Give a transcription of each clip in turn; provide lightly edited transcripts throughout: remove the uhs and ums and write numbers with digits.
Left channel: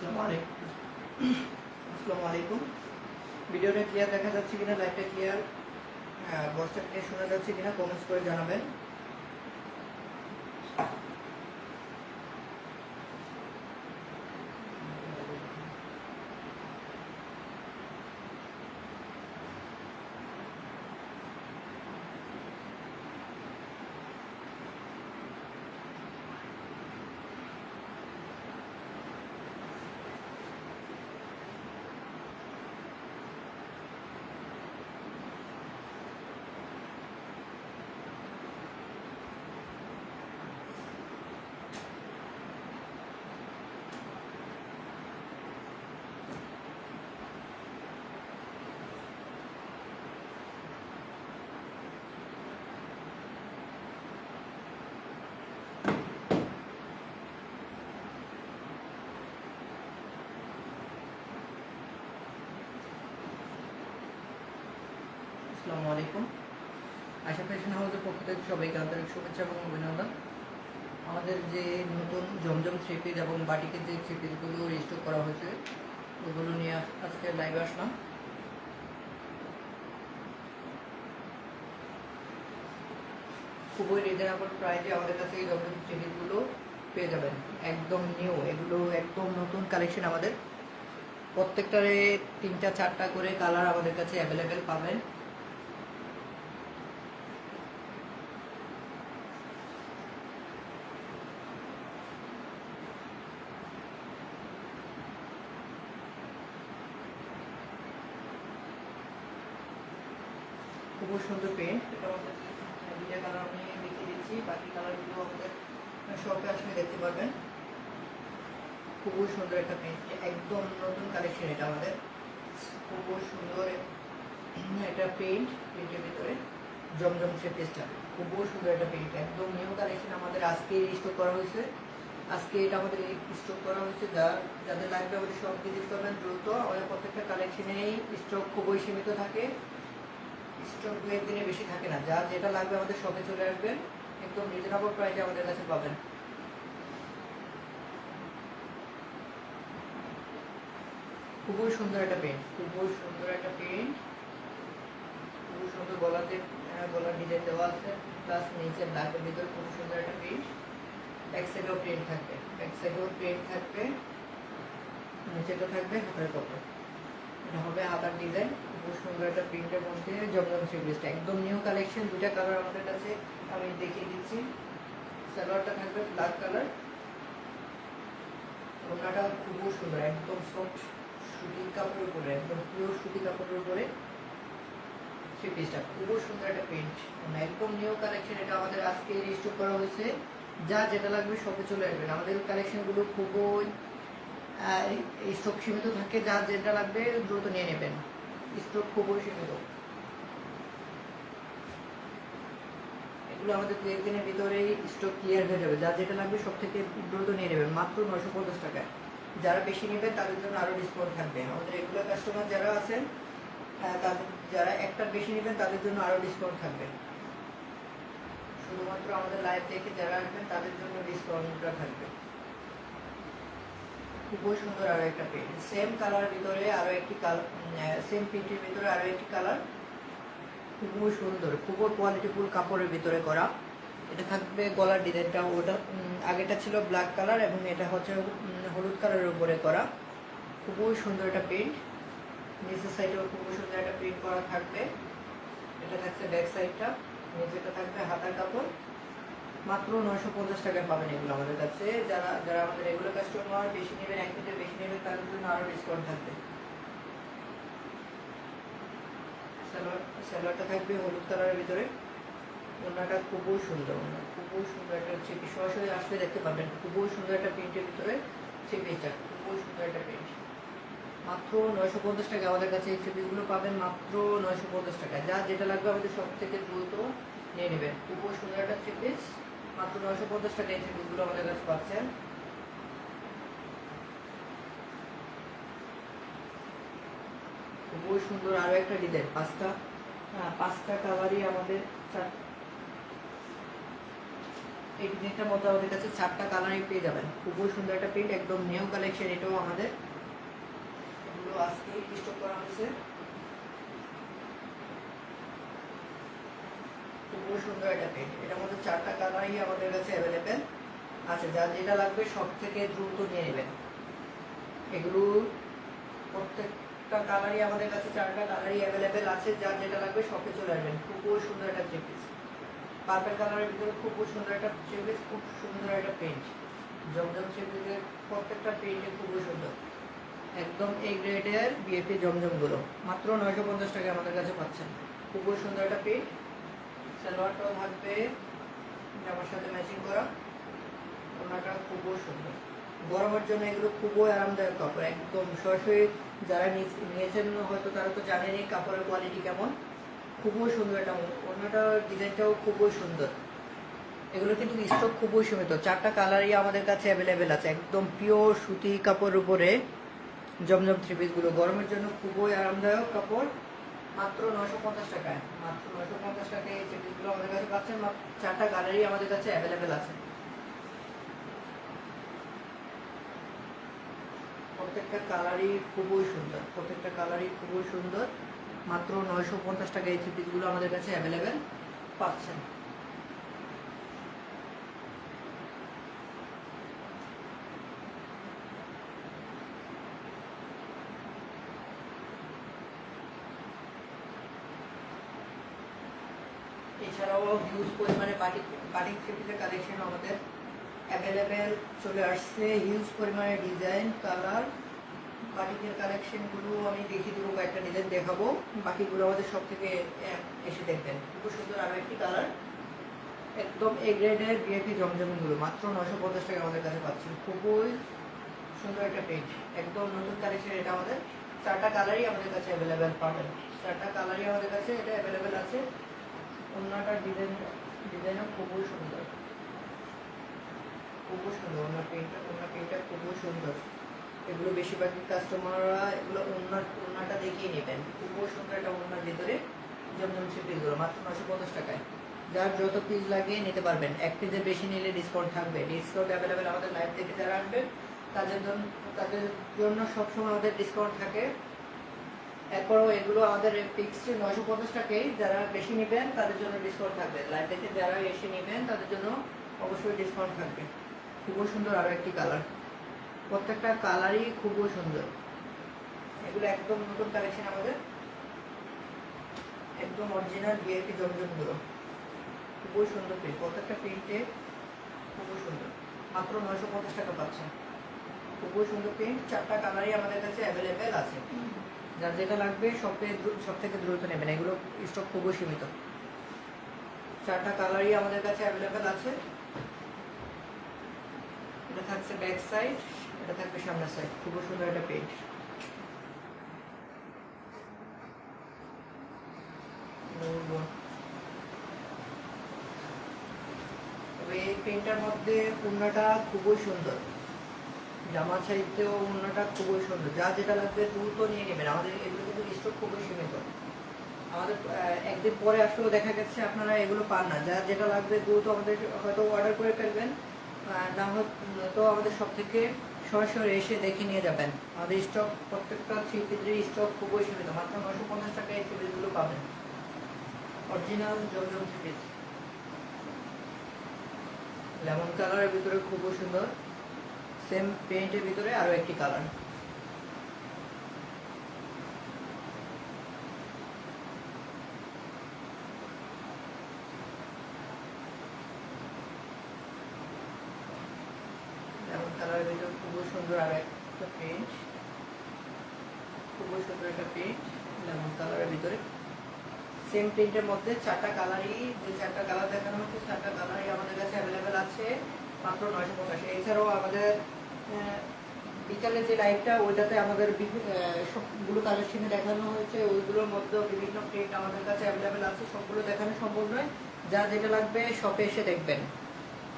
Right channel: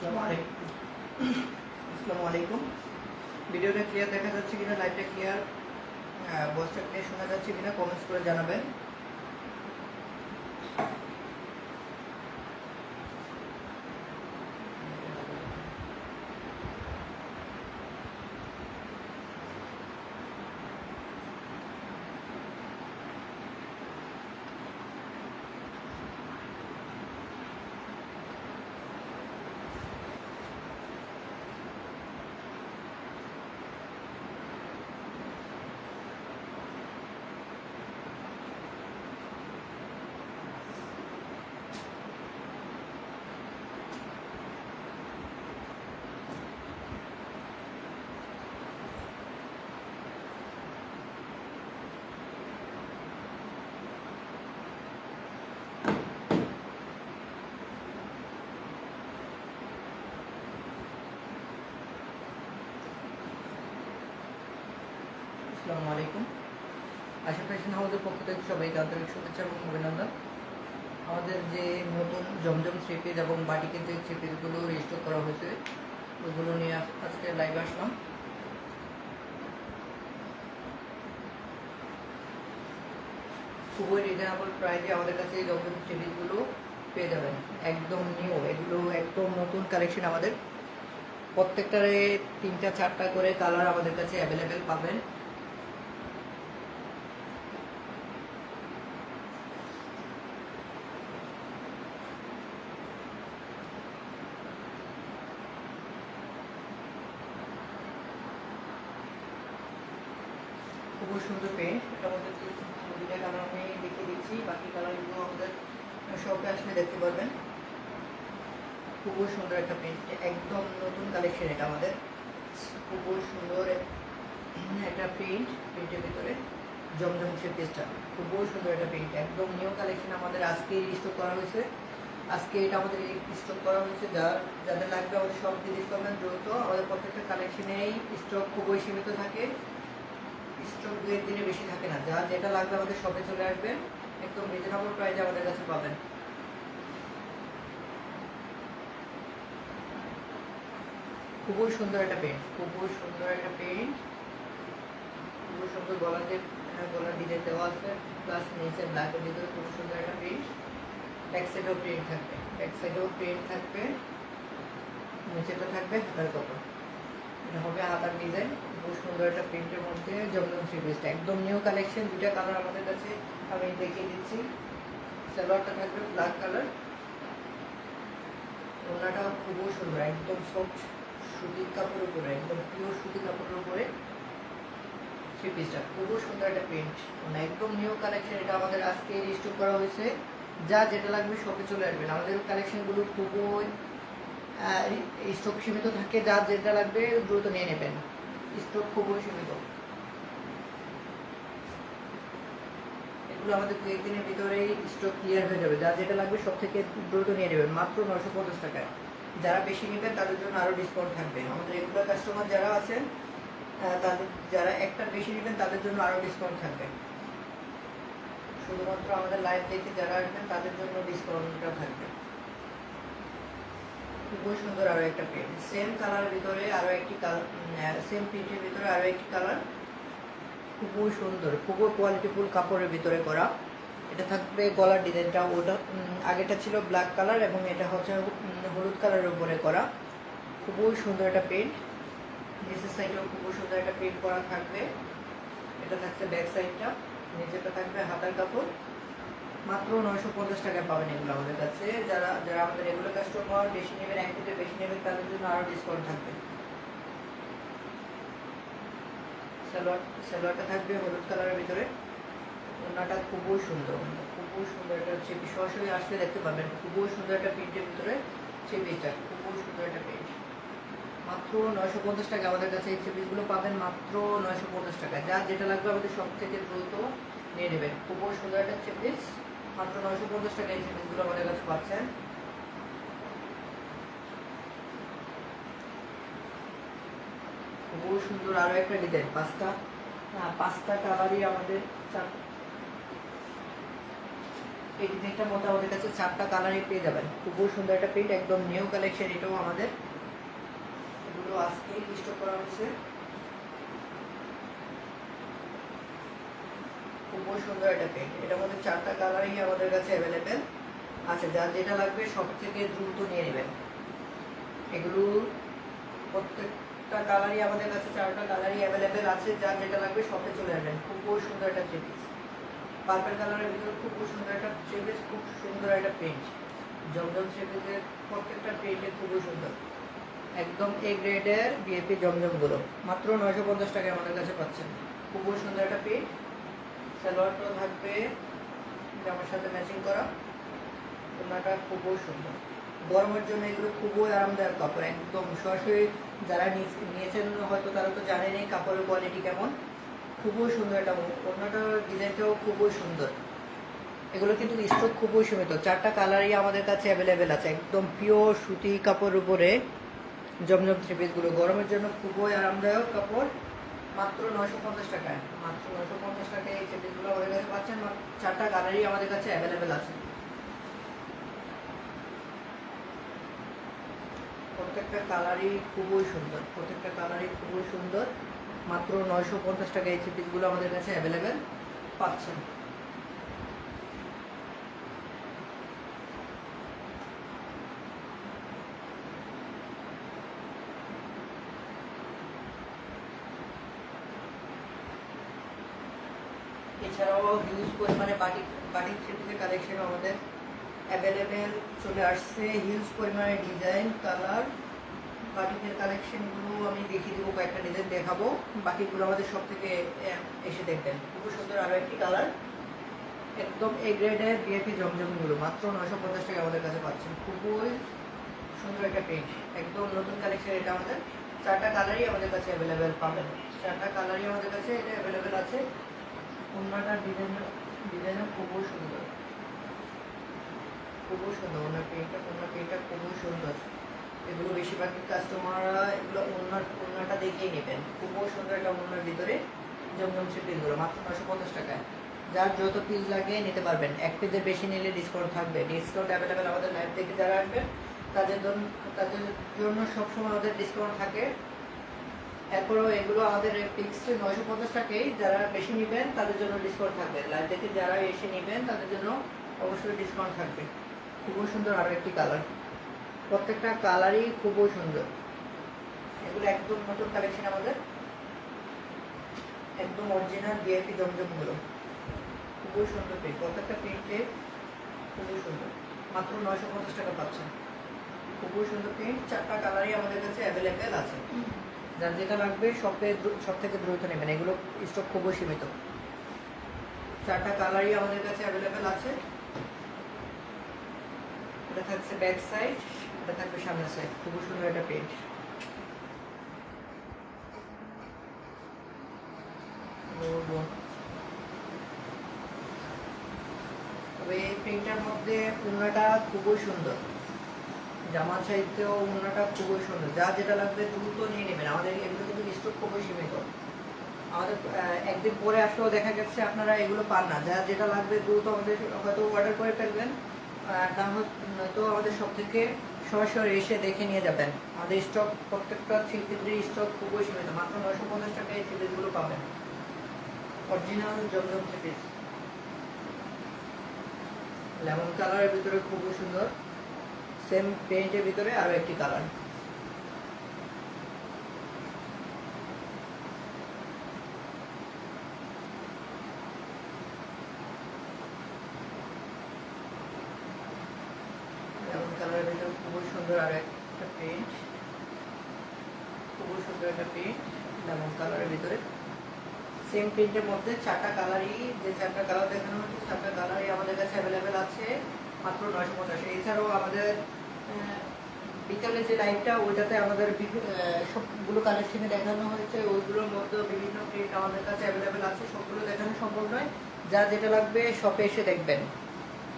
আসসালামু আলাইকুম। ভিডিওটা ক্লিয়ার দেখা যাচ্ছে কিনা, লাইভটা ক্লিয়ার, ভয়েসটা ক্লিয়ার শোনা যাচ্ছে কিনা কমেন্টস করে জানাবেন। আসসালামু আলাইকুম। আশা ফ্যাশন হাউসের পক্ষ থেকে সবাইকে আন্তরিক শুভেচ্ছা এবং অভিনন্দন। আমাদের যে নতুন জমজম থ্রি পিস এবং বাটিকের যে থ্রি পিসগুলো রেজিস্টার করা হয়েছে ওগুলো নিয়ে আজকে লাইভ আসলাম। খুবই রিজনেবল প্রাইসে আমাদের কাছে এই জমজম থ্রি পিসগুলো পেয়ে যাবেন, একদম নিউ। এগুলো একদম নতুন কালেকশন। আমাদের প্রত্যেকটারে 3টা 4টা করে কালার আমাদের কাছে অ্যাভেলেবেল পাবেন। খুবই সুন্দর পেন্ট। এটা আমাদের 2টা কালার আমি দেখিয়ে দিচ্ছি, বাকি কালারগুলো আমাদের শপে আসলে দেখতে পারবেন। খুবই সুন্দর একটা পেন্ট, একদম নতুন কালেকশন। এটা আমাদের খুবই সুন্দর একটা পেন্ট। পেন্টের ভিতরে জমজম থ্রি পিসটা খুবই সুন্দর একটা পেন্ট, একদম নিউ কালেকশন। আমাদের আজকে স্টক করা হয়েছে, আজকে এটা আমাদের স্টক করা হয়েছে। যাদের লাগবে আমাদের সব ভিজিট করবেন দ্রুত। আমাদের প্রত্যেকটা কালেকশনেই স্টক খুবই সীমিত থাকে, স্টক 2-1 দিনে বেশি থাকে না। যেটা লাগবে আমাদের শপে চলে আসবেন, একদম রিজনেবল প্রাইসে আমাদের কাছে পাবেন। খুবই সুন্দর একটা পেন্ট, খুবই সুন্দর একটা পেন্ট, খুবই সুন্দর। গলার ডিজাইন দেওয়া আছে, প্লাস নিচে ব্ল্যাকের ভিতরে খুব সুন্দর একটা পেন্ট। ব্যাক সাইডেও প্রিন্ট থাকবে, ব্যাক সাইডেও প্রিন্ট থাকবে, নিচেটা থাকবে হাতার কাপড়। এটা হবে হাতার ডিজাইন। খুব সুন্দর একটা প্রিন্টের মধ্যে জমজম থ্রি পিসটা একদম নিউ কালেকশন। 2টা কালার আমাদের কাছে আমি দেখিয়ে দিচ্ছি। সালোয়ারটা থাকবে ব্ল্যাক কালার, ওড়নাটাও খুবই সুন্দর, একদম সফট সুতির কাপড়ের উপরে, একদম পিওর সুতি কাপড়ের উপরে থ্রি পিসটা। খুবই সুন্দর একটা প্রিন্ট, একদম নিউ কালেকশন। এটা আমাদের আজকে স্টক করা হয়েছে। যেটা লাগবে সবই চলে আসবেন। আমাদের কালেকশনগুলো খুবই স্টক সীমিত থাকে, যেটা লাগবে দ্রুত নিয়ে নেবেন, স্টক খুবই সীমিত। এগুলো আমাদের 2-1 দিনের ভিতরেই স্টক ক্লিয়ার হয়ে যাবে। যেটা লাগবে সব থেকে দ্রুত নিয়ে নেবেন, মাত্র 950 টাকায়। যারা বেশি নেবেন তাদের জন্য আরো ডিসকাউন্ট থাকবে। আমাদের রেগুলার কাস্টমার যারা আছেন, তাদের যারা একটা বেশি নেবেন তাদের জন্য আরো ডিসকাউন্ট থাকবে। শুধুমাত্র আমাদের লাইভ দেখে যারা আসবেন তাদের জন্য ডিসকাউন্টটা থাকবে। খুবই সুন্দর আরো একটা পেন্ট, সেম কালারের ভিতরে আরো একটি কালার, সেম প্রিন্টের ভিতরে আরো একটি কালার। খুবই সুন্দর, খুবই কোয়ালিটিফুল কাপড়ের ভিতরে করা। এটা থাকবে গলার ডিজাইনটা, ওটা আগেটা ছিল ব্ল্যাক কালার এবং এটা হচ্ছে হলুদ কালারের উপরে করা। খুবই সুন্দর একটা পেন্ট। নিচের সাইডেও খুবই সুন্দর একটা পেন্ট করা থাকবে। এটা থাকছে ব্যাক সাইডটা, নিচেটা থাকবে হাতার কাপড়। মাত্র 950 টাকা পাবেন এগুলো আমাদের কাছে। যারা যারা আমাদের রেগুলার কাস্টমার, বেশি নেবেন, 1 থেকে বেশি নেবেন, তাদের জন্য আরো ডিসকাউন্ট থাকবে। সালোয়ারটা থাকবে হলুদ কালারের ভিতরে, ওড়নাটা খুবই সুন্দর, খুবই সুন্দর একটা চেপি। সরাসরি আসলে দেখতে পাবেন, খুবই সুন্দর একটা প্রিন্টের ভিতরে চেপিটা, খুবই সুন্দর একটা প্রিন্ট। মাত্র 950 টাকা আমাদের কাছে এই চেপিসগুলো পাবেন, মাত্র 950 টাকা। যেটা লাগবে আমাদের সব থেকে দ্রুত নিয়ে নেবেন। খুবই সুন্দর একটা চেপিস, মাত্র 950 টাকা এই চেপিসগুলো আমাদের কাছে পাচ্ছেন। খুবই সুন্দর আরো একটা ডিজাইন, 5টা কালারই আমাদের এই ডিজাইনটার মধ্যে আমাদের কাছে 4টা কালারই পেয়ে যাবেন। খুবই সুন্দর একটা প্রিন্ট, একদম নিউ কালেকশন। এটাও আমাদের এগুলো আজকে স্টক করা হয়েছে। খুবই সুন্দর একটা প্রিন্ট, এটার মধ্যে 4টা কালারই আমাদের কাছে অ্যাভেলেবেল আছে। যার যেটা লাগবে সব থেকে দ্রুত নিয়ে নেবেন। এগুলো প্রত্যেকটা কালারই আমাদের কাছে 4টা কালারই অ্যাভেলেবেল আছে। যার যেটা লাগবে শপে চলে আসবেন। খুবই সুন্দর একটা থ্রি পিস, পার্পল কালারের ভিতরে খুব সুন্দর একটা থ্রি পিস, খুব সুন্দর একটা প্রিন্ট। জমজম থ্রি পিসের প্রত্যেকটা প্রিন্টে খুবই সুন্দর, একদম এ গ্রেডের বিএপি জমজমগুলো মাত্র 950 টাকায় আমাদের কাছে পাচ্ছেন। খুবই সুন্দর একটা প্রিন্ট। সালোয়ারটাও থাকবে জামার সাথে ম্যাচিং করা, ওনাটা খুবই সুন্দর। গরমের জন্য এগুলো খুবই আরামদায়ক কাপড়, একদম সরাসরি যারা নিয়েছেন হয়তো তারা তো জানেনই কাপড়ের কোয়ালিটি কেমন। খুবই সুন্দর একটা ওনাটার ডিজাইনটাও খুবই সুন্দর। এগুলো কিন্তু স্টক খুবই সীমিত, 4টা কালারই আমাদের কাছে অ্যাভেলেবেল আছে। একদম পিওর সুতি কাপড়ের উপরে জমজম থ্রি পিসগুলো গরমের জন্য খুবই আরামদায়ক কাপড়, মাত্র 950 টাকায়। মাত্র 950 টাকায় এই থ্রি পিসগুলো আমাদের কাছে পাচ্ছেন। 4টা কালারই আমাদের কাছে অ্যাভেলেবেল আছে। প্রত্যেকটা কালারই খুবই সুন্দর, প্রত্যেকটা কালারই খুবই সুন্দর। মাত্র 950 টাকায় এই থ্রি পিসগুলো আমাদের কাছে অ্যাভেলেবেল পাচ্ছেন। এছাড়াও হিউজ পরিমাণে বাটিক থ্রি পিসের কালেকশন আমাদের অ্যাভেলেবেল চলে আসছে। হিউজ পরিমাণে ডিজাইন, কালার, বাটিকের কালেকশনগুলো আমি দেখিয়ে দেবো, কয়েকটা ডিজাইন দেখাবো, বাকিগুলো আমাদের সব থেকে এসে দেখবেন। খুব সুন্দর আরও একটি কালার, একদম এ গ্রেডের বিএপি জমজমগুলো মাত্র 950 টাকা আমাদের কাছে পাচ্ছেন। খুবই সুন্দর একটা প্রিন্ট, একদম নতুন কালেকশন। এটা আমাদের 4টা কালারই আমাদের কাছে অ্যাভেলেবেল পাবেন। 4টা কালারই আমাদের কাছে এটা অ্যাভেলেবেল আছে। ওনাটার ডিজাইনও খুবই সুন্দর, খুবই সুন্দর। ওনার প্রিন্টটা খুবই সুন্দর। এগুলো বেশিরভাগই কাস্টমাররা এগুলো ওনাটা দেখিয়ে নেবেন। খুবই সুন্দর একটা ওনার ভিতরে জমজম থ্রি পিসগুলো মাত্র 950 টাকায়। যার যত পিস লাগে নিতে পারবেন। এক পিসের বেশি নিলে ডিসকাউন্ট থাকবে। ডিসকাউন্ট অ্যাভেলেবেল আমাদের লাইভ থেকে যারা আসবেন তাদের জন্য সবসময় আমাদের ডিসকাউন্ট থাকে। এরপরও এগুলো আমাদের ফিক্সড 950 টাকাই। যারা বেশি নেবেন তাদের জন্য ডিসকাউন্ট থাকবে। লাইভ থেকে যারা এসে নেবেন তাদের জন্য অবশ্যই ডিসকাউন্ট থাকবে। খুবই সুন্দর আরও একটি কালার, প্রত্যেকটা কালারই খুবই সুন্দর। এগুলো একদম নতুন কালেকশন আমাদের, একদম অরিজিনাল ভিআইপি জমজমগুলো। খুবই সুন্দর প্রিন্ট, প্রত্যেকটা প্রিন্টে খুবই সুন্দর। মাত্র 950 টাকা পাচ্ছেন। খুবই সুন্দর প্রিন্ট, 4টা কালারই আমাদের কাছে অ্যাভেলেবেল আছে। যার যেটা লাগবে সব থেকে দ্রুত নেবেন, এগুলো স্টক খুবই সীমিত। 4টা কালারই আমাদের কাছে অ্যাভেলেবেল আছে। এটা থাকছে ব্যাক সাইড, এটা থাকবে সামনের সাইড। খুবই সুন্দর একটা প্রিন্ট। তবে এই প্রিন্টের মধ্যে ওড়নাটা খুবই সুন্দর, জামার সাইডেও ওড়নাটা খুবই সুন্দর। যা যেটা লাগবে দ্রুত নিয়ে নেবেন। আমাদের এগুলো কিন্তু স্টক খুবই সীমিত। আমাদের একদিন পরে আসলেও দেখা যাচ্ছে আপনারা এগুলো পান না। যা যেটা লাগবে দ্রুত আমাদের হয়তো অর্ডার করে ফেলবেন, না হয়তো আমাদের সব থেকে সরাসরি এসে দেখে নিয়ে যাবেন। আমাদের স্টক প্রত্যেকটা থ্রি পিসের স্টক খুবই সীমিত। মাত্র 950 টাকায় এই থ্রি পিসগুলো পাবেন। অরিজিনাল জমজম থ্রি পিস, লেমন কালারের ভিতরে খুবই সুন্দর। সেম পেইন্টের ভিতরে আরো একটি কালার। লেমন কালারের ভিতরে খুবই সুন্দর আরো একটা পেইন্ট, খুবই সুন্দর একটা পেইন্ট লেমন কালারের ভিতরে। সেম প্রিন্টের মধ্যে 4টা কালারই, যে 4টা কালার দেখানো হচ্ছে 4টা কালারই আমাদের কাছে অ্যাভেলেবেল আছে মাত্র 950। এছাড়াও আমাদের বিকালে যে লাইভটা ওইটাতে আমাদের সবগুলো কালেকশনে দেখানো হয়েছে, ওইগুলোর মধ্যেও বিভিন্ন প্রিন্ট আমাদের কাছে অ্যাভেলেবেল আছে। সবগুলো দেখানো সম্ভব নয়, যা যেটা লাগবে শপে এসে দেখবেন।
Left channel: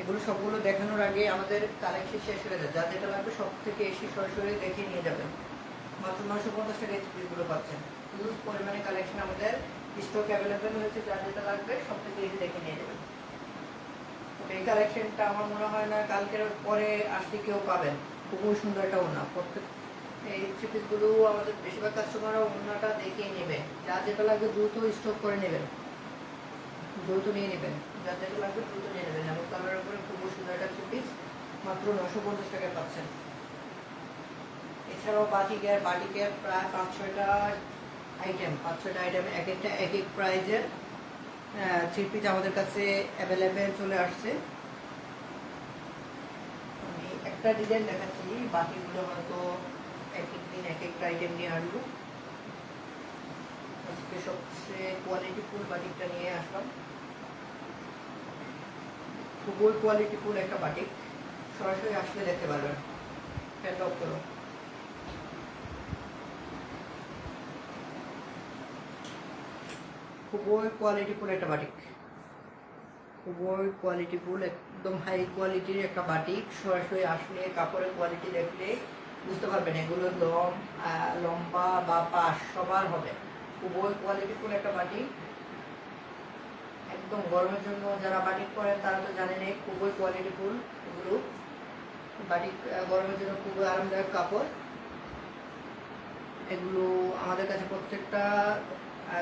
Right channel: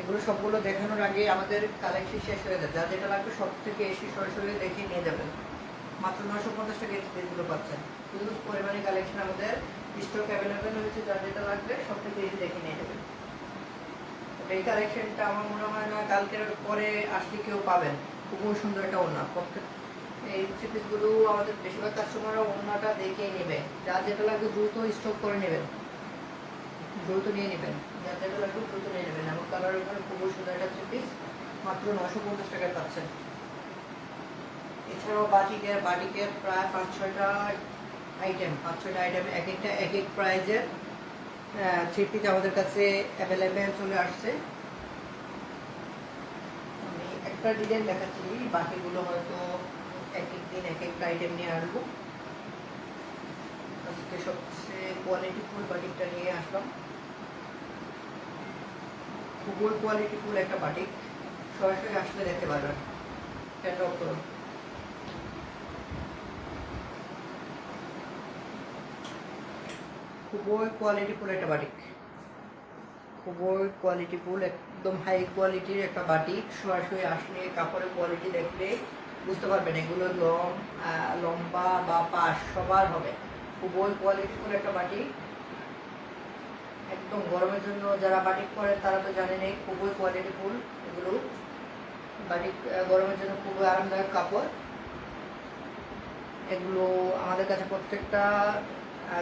এগুলো সবগুলো দেখানোর আগে আমাদের কালেকশন শেষ হয়ে যায়। যা যেটা লাগবে সব থেকে এসে সরাসরি দেখে নিয়ে যাবেন। মাত্র 950 টাকা এগুলো পাচ্ছেন। হিউজ পরিমাণে কালেকশন আমাদের স্টক অ্যাভেলেবেল হয়েছে। যা যেটা লাগবে সব থেকে এসে দেখে নিয়ে যাবেন। এই কালেকশনটা আমার মনে হয় না কালকের পরে আসলে কেউ পাবেন। খুবই সুন্দর একটা ওড়না। প্রত্যেক এই থ্রি পিসগুলো আমাদের বেশিরভাগ কাস্টমাররা ওড়নাটা দেখেই নেবে। যার যেটা লাগবে দ্রুত স্টক করে নেবেন, দ্রুত নিয়ে নেবেন। যার যেটা লাগবে দ্রুত নিয়ে নেবেন। এমন কালারের উপরে খুবই সুন্দর একটা থ্রি পিস মাত্র 950 টাকায় পাচ্ছেন। এছাড়াও বাটিকের প্রায় 5-6টা আইটেম, 5-6টা আইটেম এক একটা এক এক প্রাইজের থ্রি পিস আমাদের কাছে অ্যাভেলেবেল চলে আসছে। আমি একটা ডিজাইন দেখাচ্ছি, বাকিগুলো হয়তো এক এক দিন এক একটা আইটেম নিয়ে আসবো। আজকে সবচেয়ে কোয়ালিটিফুল বাটিকটা নিয়ে আসলাম। খুবই কোয়ালিটিফুল একটা বাটিক, সরাসরি আসলে দেখতে পারবেন। ক্যাটালগ করো। খুবই কোয়ালিটিফুল একটা বাটিক, খুবই কোয়ালিটিফুল, একদম হাই কোয়ালিটির একটা বাটিক। সরাসরি আসলে কাপড়ের কোয়ালিটি দেখলে বুঝতে পারবেন এগুলো লম্বা বা পাশ সবার হবে। খুবই কোয়ালিটিফুল একটা বাটিক, একদম গরমের জন্য যারা বাটিক করেন তারা তো জানেনই, খুবই কোয়ালিটিফুল এগুলো বাটিক। গরমের জন্য খুবই আরামদায়ক কাপড় এগুলো। আমাদের কাছে প্রত্যেকটা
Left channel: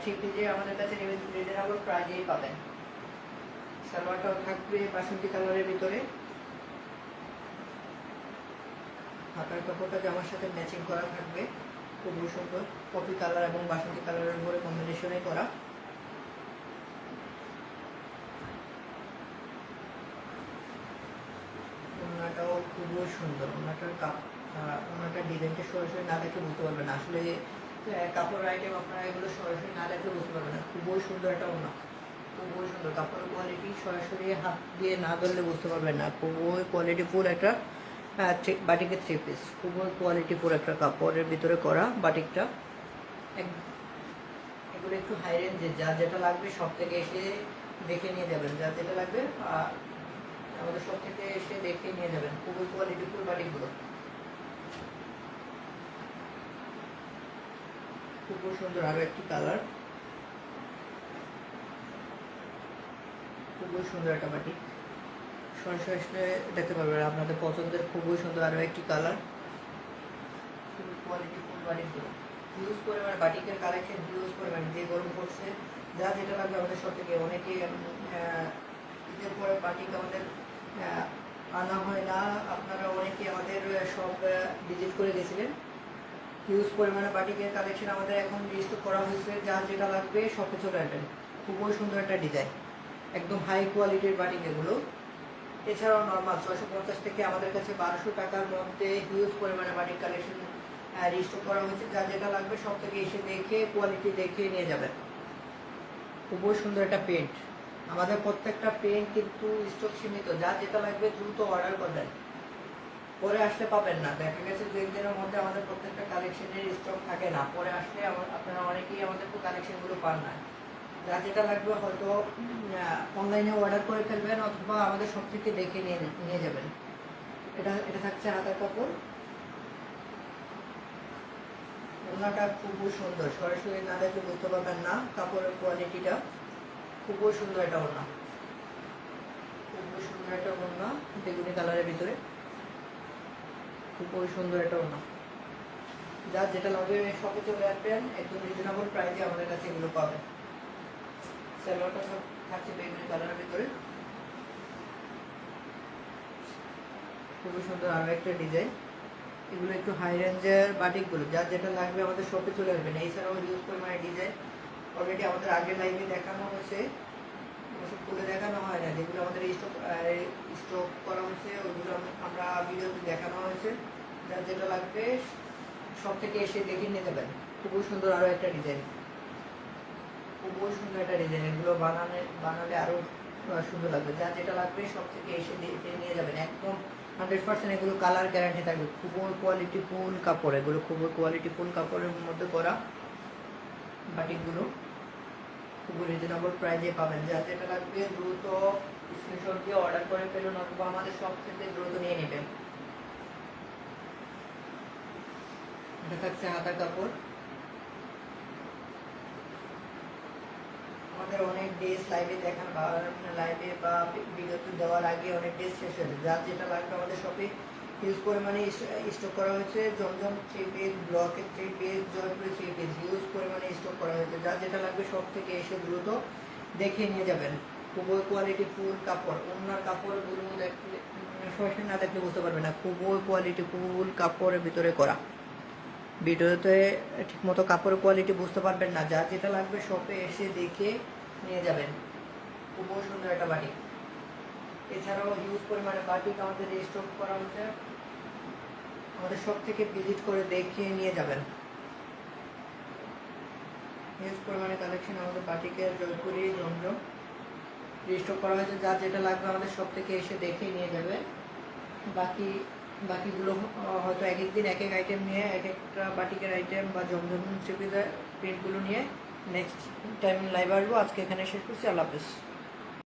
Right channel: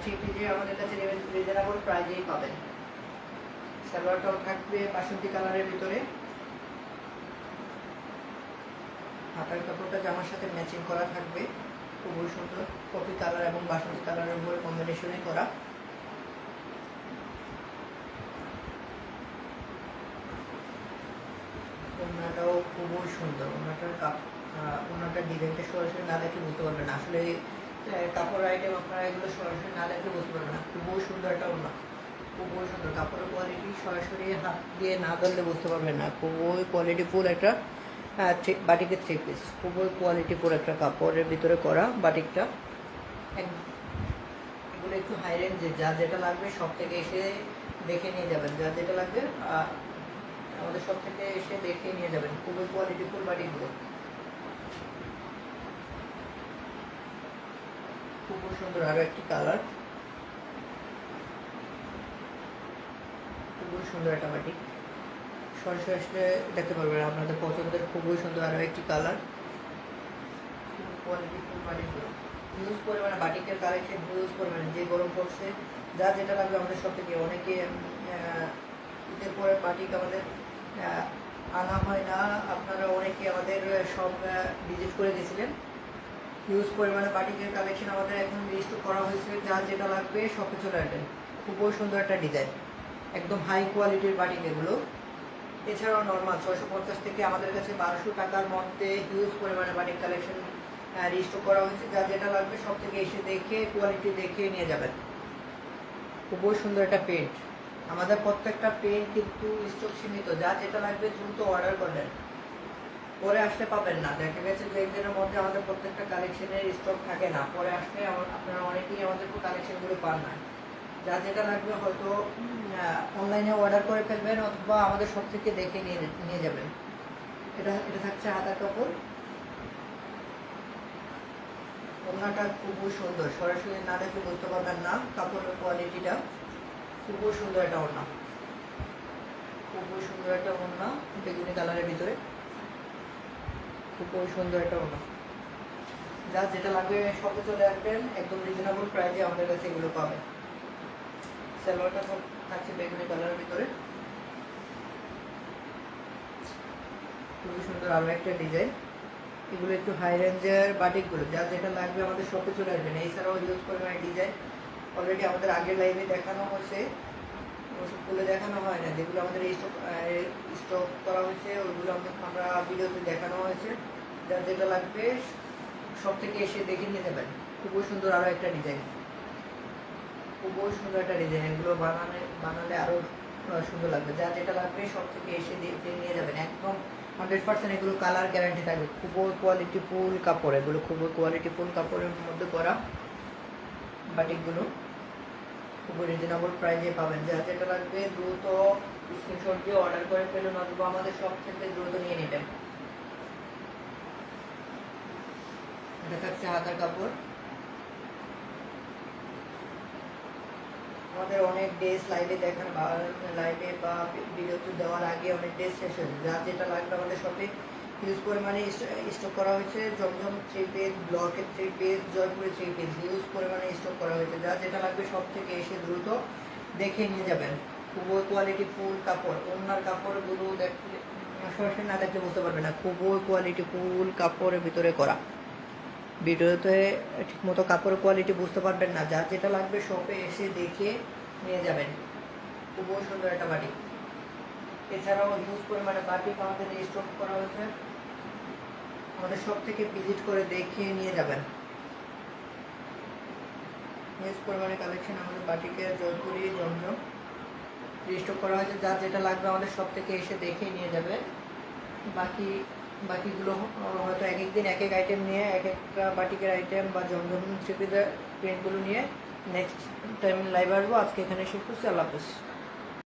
থ্রি পিসে আমাদের কাছে রিজনেবল প্রাইজেই পাবেন। সালোয়ারটাও থাকবে বাসন্তী কালারের ভিতরে। হাতার কাপড়টা জামার সাথে ম্যাচিং করা থাকবে, খুবই সুন্দর। কফি কালার এবং বাসন্তী কালারের উপরে কম্বিনেশনে করা। ওড়নাটাও খুবই সুন্দর। ওড়নাটার ডিজাইনটা সরাসরি না দেখে বুঝতে পারবেন না। আসলে কাপড় আইটেম আপনারা এগুলো সরাসরি না দেখে বুঝতে পারবেন না। খুবই সুন্দর একটা ওড়না, খুবই সুন্দর। কাপড়ের কোয়ালিটি সরাসরি হাত দিয়ে না ধরলে বুঝতে পারবেন না। খুবই কোয়ালিটিফুল একটা বাটিকের থ্রি পিস, খুবই কোয়ালিটিফুল একটা কাপড়ের ভিতরে করা বাটিকটা। এগুলো একটু হাই রেঞ্জে, যা যেটা লাগবে সব থেকে এসে দেখে নিয়ে যাবেন। যা যেটা লাগবে আমাদের সব থেকে এসে দেখে নিয়ে যাবেন। খুবই কোয়ালিটিফুল বাটিকগুলো, খুবই সুন্দর। আরো একটি কালার, খুবই সুন্দর একটা বাটিক। সরাসরি আসলে দেখতে পারবেন আপনাদের পছন্দের। খুবই সুন্দর আরো একটি কালার, খুবই কোয়ালিটিফুল বাটিকগুলো। হিউজ পরিমাণে বাটিকের কালেকশন, হিউজ পরিমাণে। যে গরম পড়ছে, যা যেটা লাগবে আমাদের সব থেকে। অনেকে ঈদের পরে বাটিক আমাদের আনা হয় না, আপনারা অনেকে আমাদের সব ভিজিট করে গেছিলেন। হিউজ পরিমাণে বাটিকের কালেকশন আমাদের এখন রিস্টক করা হয়েছে। যা যেটা লাগবে সব চলে আসবেন। খুবই সুন্দর একটা ডিজাইন, একদম হাই কোয়ালিটির বাটিক এগুলো। এছাড়াও নর্মাল 650 থেকে আমাদের কাছে 1200 টাকার মধ্যে হিউজ পরিমাণে বাটিক কালেকশন রিস্টক করা হয়েছে। যা যেটা লাগবে সব থেকে এসে দেখে কোয়ালিটি দেখে নিয়ে যাবেন। খুবই সুন্দর একটা প্রিন্ট। আমাদের প্রত্যেকটা প্রিন্ট কিন্তু স্টক সীমিত। যা যেটা লাগবে দ্রুত অর্ডার করবেন, পরে আসলে পাবেন না। দেখা গেছে যে একদিনের মধ্যে আমাদের প্রত্যেকটা কালেকশনের স্টক থাকে না, পরে আসলে আপনারা অনেকেই আমাদের কালেকশনগুলো পান না। যা যেটা লাগবে হয়তো অনলাইনে অর্ডার করে ফেলবেন অথবা আমাদের সব থেকে দেখে নিয়ে যাবেন। এটা থাকছে হাতার কাপড়। ওড়নাটা খুবই সুন্দর, সরাসরি না দেখে বুঝতে পারবেন না কাপড়ের কোয়ালিটিটা। খুবই সুন্দর একটা ওড়না, খুবই সুন্দর একটা ওড়না বেগুনি কালারের ভিতরে। খুবই সুন্দর একটা ওড়না। যা যেটা লাগবে সবে চলে আসবেন, একদম রিজনেবল প্রাইসে আমাদের কাছে এগুলো পাবেন। সালোয়ারটা থাকছে বেগুনি কালারের ভিতরে, খুবই সুন্দর আরো একটা ডিজাইন। এগুলো একটু হাই রেঞ্জের বাটিকগুলো। যা যেটা লাগবে আমাদের শপে চলে আসবেন। এছাড়াও ইউজ পরিমাণে ডিজাইন অলরেডি আমাদের আগের লাইভে দেখানো হয়েছে, ওষুধ খুলে দেখানো হয় না। যেগুলো আমাদের স্টক করা হয়েছে ওইগুলো আমরা ভিডিওতে দেখানো হয়েছে। যা যেটা লাগবে সব থেকে এসে দেখে নিয়ে যাবেন। খুবই সুন্দর আরো একটা ডিজাইন, খুবই সুন্দর একটা ডিজাইন। এগুলো বানালে আরো সুন্দর লাগবে। যা যেটা লাগবে সব থেকে এসে দেখে নিয়ে যাবেন। একদম 100% এগুলো কালার গ্যারান্টি থাকবে। খুবই কোয়ালিটিফুল কাপড় এগুলো, খুবই কোয়ালিটিফুল কাপড়ের মধ্যে করা বাটিকগুলো। খুবই রিজনেবল প্রাইসে পাবেন। যা যেটা লাগবে দ্রুত স্ক্রিনশট দিয়ে অর্ডার করে ফেলুন অথবা আমাদের সব থেকে দ্রুত নিয়ে নেবেন। এটা থাকছে হাতার কাপড়। আমাদের অনেক ড্রেস লাইভে দেখার বা লাইভে বা ভিডিওতে দেওয়ার আগে অনেক ড্রেস শেষ হয়েছে, যার যেটা লাগবে আমাদের শপে হিউজ পরিমাণে স্টক করা হয়েছে। জমজম 3 পিস, ব্লকের 3 পিস, জয়পুরের 3 পিস হিউজ পরিমাণে স্টক করা হয়েছে। যার যেটা লাগবে সব থেকে এসে দ্রুত দেখে নিয়ে যাবেন। খুবই কোয়ালিটি ফুল কাপড়, ওনার কাপড়গুলো দেখলে সরাসরি না দেখলে বুঝতে পারবে না। খুবই কোয়ালিটি ফুল কাপড়ের ভিতরে করা, ভিডিওতে ঠিকমতো কাপড়ের কোয়ালিটি বুঝতে পারবেন না। যার যেটা লাগবে শপে এসে দেখে নিয়ে যাবেন। খুবই সুন্দর একটা বাটিক। এছাড়াও হিউজ পরিমাণে বাটিক আমাদের স্টক করা হয়েছে, আমাদের শপ থেকে ভিজিট করে দেখে নিয়ে যাবেন। হিউজ পরিমাণে কালেকশন আমাদের বাটিকের, জয়পুরি, জমজম স্টক করা হয়েছে। যার যেটা লাগবে আমাদের শপ থেকে এসে দেখে নিয়ে যাবে। বাকিগুলো হয়তো এক এক দিন এক এক আইটেম নিয়ে, এক একটা বাটিকের আইটেম বা জমজম প্রিন্টগুলো নিয়ে নেক্সট টাইম লাইভ আসবো। আজকে এখানে শেষ করছি। আল্লাহ হাফেজ।